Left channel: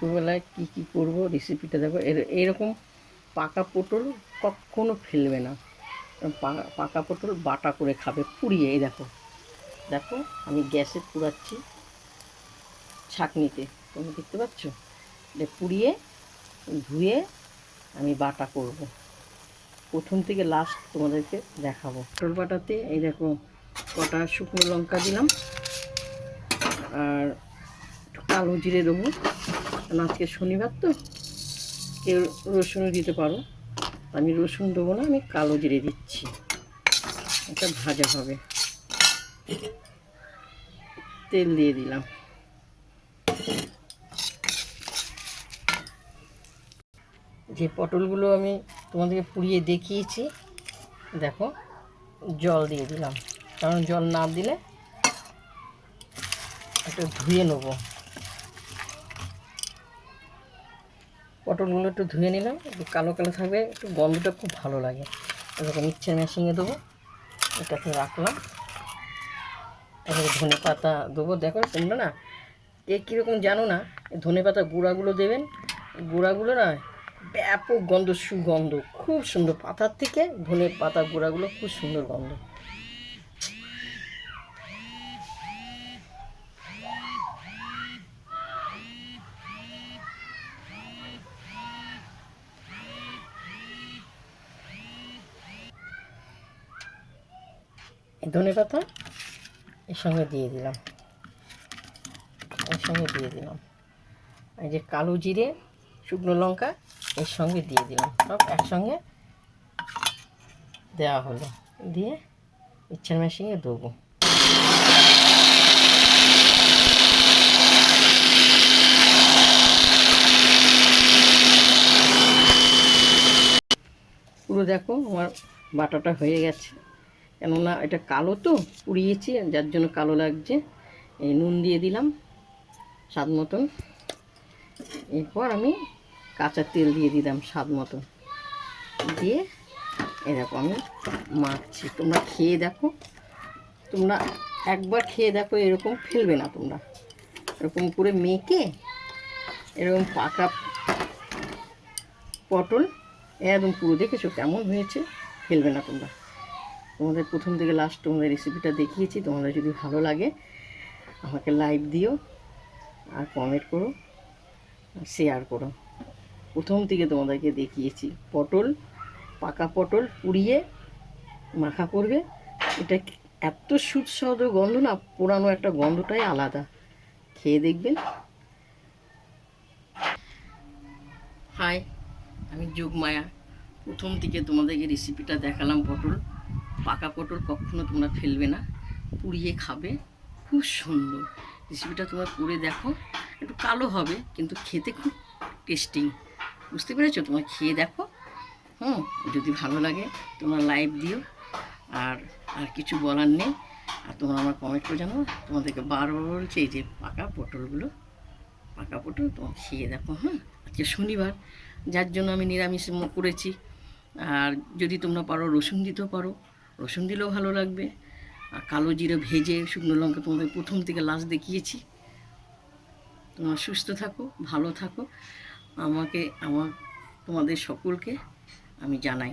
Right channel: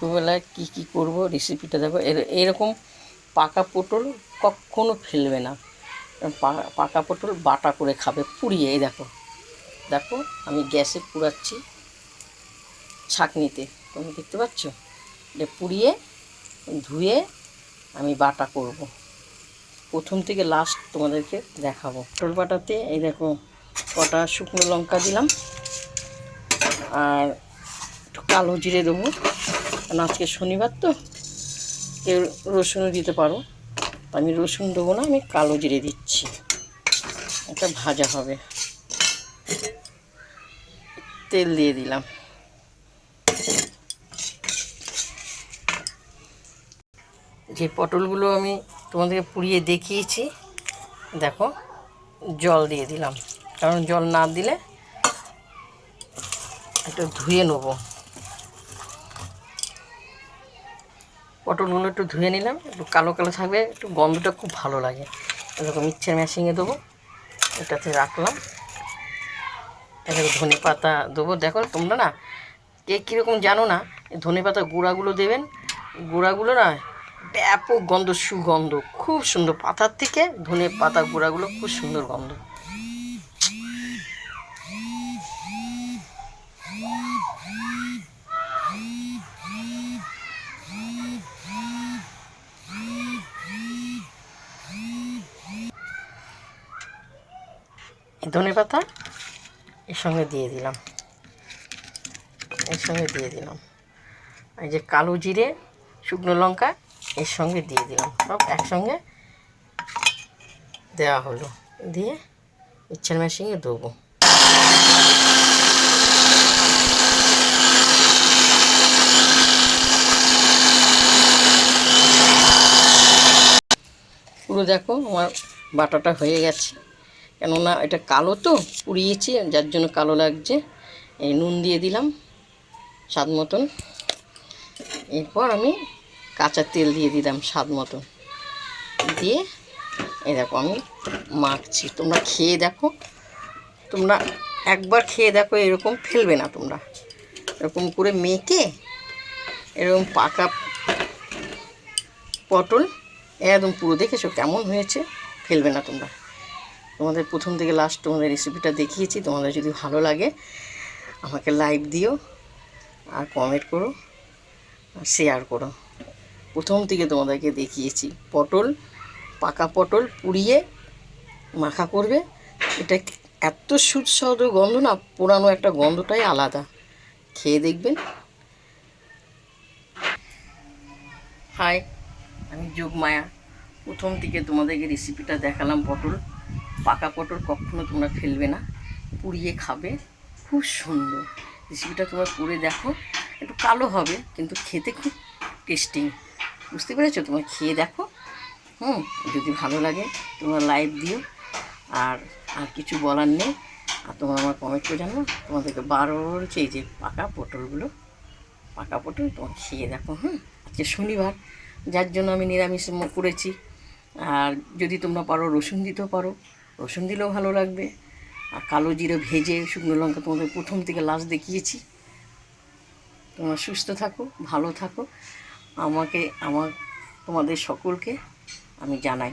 দুপুরবেলায় কী করব রেসিপিটা দেখো। এরকম পাকা পটল কখনো ফেলবে না। পাকা পটল বাটা করে খাবে পুড়িয়ে। এই দেখো দেখো আমি গ্যাসে পুড়াচ্ছি ছাঁকনিতে, তুমি দেখতে পাচ্ছ? যে পুড়িয়ে ধুয়ে আমি বাটা করব। প্রথম থেকে লাস্ট তোমাদেরকে দেখাবো। পটল বাটাতে এই দেখো কটা শুকনো লঙ্কা দিলাম, আর একটু কালো জিরে দেবো, কারণ আজকে শনিবার তো কেউ রসুনও দিতে পারো। আমি রসুন দেবো না, আমি কালো জিরে দিচ্ছি। এটা ভাজা হবে। তেল দিয়ে দিলাম। যে পটলগুলো আমি তোমাদেরকে পুড়িয়ে দেখিয়েছি দেখো, জল দিয়ে দিলাম, কারণ জল না দিলে একটু ধুয়ে নেব। পটলগুলো একটু ধুয়ে নিলাম, একটু কালো কালো থাকবে, একটু গন্ধটা খুব ভালো লাগে। এরকম মিক্সচার মেশিনে দেবো, এটাতে রাখলাম। এটাকে ধনে পাতা দেবো। দেখো তোমরা না কে কীরকম জানো না, ধনে পাতা গুঁড়াগুলো দেবেন। গুঁড়াগুলো না ব্যাপক গন্ধ, সুগন্ধ খুব সুন্দর। পাতার থেকে ধনে পাতা গুঁড়াগুলো খুব সুন্দর গন্ধ। ধনে পাতা এর সঙ্গে দিয়ে দিলাম, এই যে কালো জিরে, শুকনো লঙ্কা এর সঙ্গে দিয়ে দিলাম, সব একসঙ্গে দেওয়া হলো। দিয়ে মিক্সচার মেশিনে দেবো। পুরো দেখো আমার বাটাটা হয়ে গেছে, কেননা এটা কালো তো পুড়িয়েছি, যার জন্য কালো লাগছে। এই নুন দিয়ে দিলাম স্বাদ মতন। এরপর আমি কাঁচা তেল দিয়ে দিলাম স্বাদ মতন, দিয়ে এই দেখো আমি মাখছি। তোমরা খেয়ে দেখো, তোমরা একবার খেয়ে দেখো, এরকম ফেলবে না তোমরা। এরকম করে মেখে এরকম পাকা পটল একদম পুরো দেখেছো কেমন হয়েছে, ফেলবে না তোমরা। তোমাদের প্রথম থেকে লাস্ট তোমাদের রেসিপিটা দেখিয়েছি। তোমাদের যদি ভালো লাগে আমাকে লাইক দিও, আর কমেন্ট করো, আর শেয়ার করো। প্রথম থেকে তোমাদেরকে দেখিয়েছি পটল, পাকা পটল পুড়িয়ে মাখা করবে। এটা এত সুস্বাদু গন্ধ না, পুরানো একটা গন্ধটাই আলাদা। খেয়ে দেখবেন। হাই, আমি যোগমায়া। প্রথম থেকে তোমাদেরকে রেসিপিটা দেখালাম। পটল, পাকা পটল কখনো তোমরা ফেলবে না, পুড়িয়ে খাবে, খুব সুন্দর। রেসিপিটা তোমরা করে দেখো, একটু কালো হবে কিন্তু খেতে খুব টেস্টি। বুঝতে পেরেছো? তোমরা খেয়ে দেখো। যদি ভালো লাগে তোমরা লাইক দিও। আর কিছু বলার নেই। আর তোমরা আমার কমেন্ট করে জানো। তোমাদেরকে বারবার বলছি, এই যে পাকা পটল তোমরা খেয়ে দেখো। আজকে শনিবার, যার জন্য আমি নিরামিষ করেছি। আর যদি তোমরা পারো রসুন দিতেও পারো, রসুন দিলেও ভালো লাগবে। আর কালো জিরে ভেজে শুকনো লঙ্কা তোমাদের প্রথম থেকে লাস্ট দেখিয়েছি। তোমরা সুস্থ থাকো, ভালো থাকো। তোমাদের সকলকে আমি জানাই।